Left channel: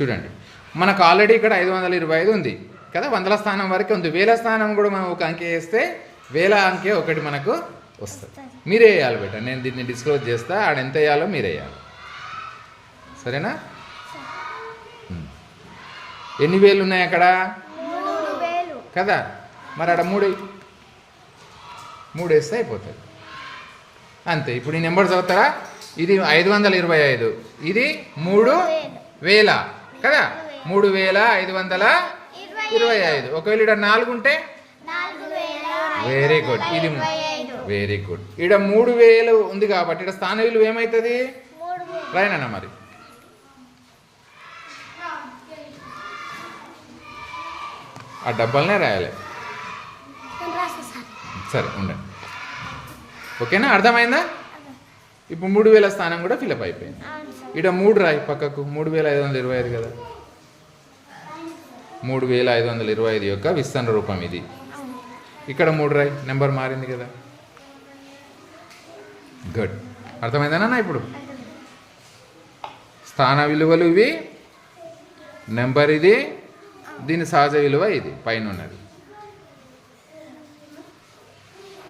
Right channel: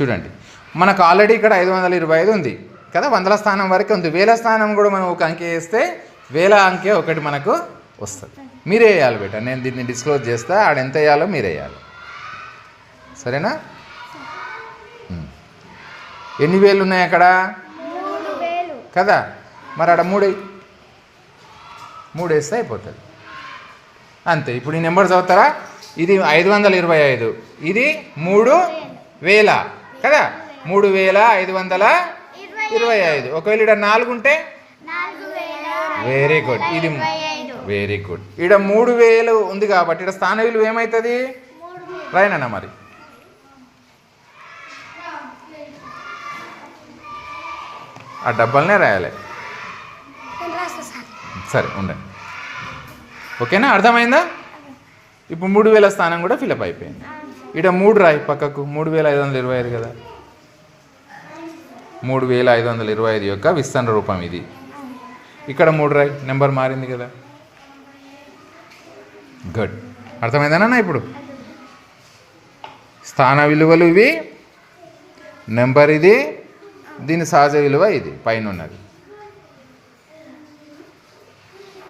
చూడండి, మనకు ఆల్రెడీ ఇక్కడ 525 ఉంది కదా, వందల స్థానం వరకు ఉంది. వేల స్థానం కూడా మనం ఒక అంకె వేస్తే వేల అంకె ఒకటి మనకు వస్తుంది. మీరే వేయాలి బేట, నేను దీన్ని డిస్క్లోజ్ చేస్తా, ఆడ ఎంత వేయాలో మీరే వేయాలి, సరేనా? ఎన్ని వేలు ఉన్నాయి అక్కడ కదా, మరి ఆడ 3 వేస్తే అయిపోతుంది అంతే. ఇప్పుడు ఈ నెంబర్ చదువుతారా? ఇది 525, ఇది 3000 కదా, 3525. ఒకవేళ ఇక్కడ 4 ఉంటే వెరీ గుడ్, ఇది వెరీ గుడ్. ఇక్కడ 3000 ఉంది కాబట్టి ఇక్కడ స్థాన విలువ ఏమవుతుంది? రాయనన్నా మరి ఆ డబ్బాలనే రాయాలి. సరే ఉండండి, ఓకేనా? అర్థమైందా? ఇప్పుడు 3000 స్థానం కూడా ఫిలప్ అయిపోయింది. ఇక్కడ 3 రాయి పక్కకు, 3525 కదా, 3525 యొక్క విస్తరణ రూపం ఇది. ఇక్కడ 3 రాయి, నెంబర్ మారింది కదా. గుడ్, అర్థమైందన్నా? ఇప్పుడు స్థాన విలువలు ఇవి, నెంబర్ ఇది, దీని సహజ విలువ ఇది పైన ఉన్నది.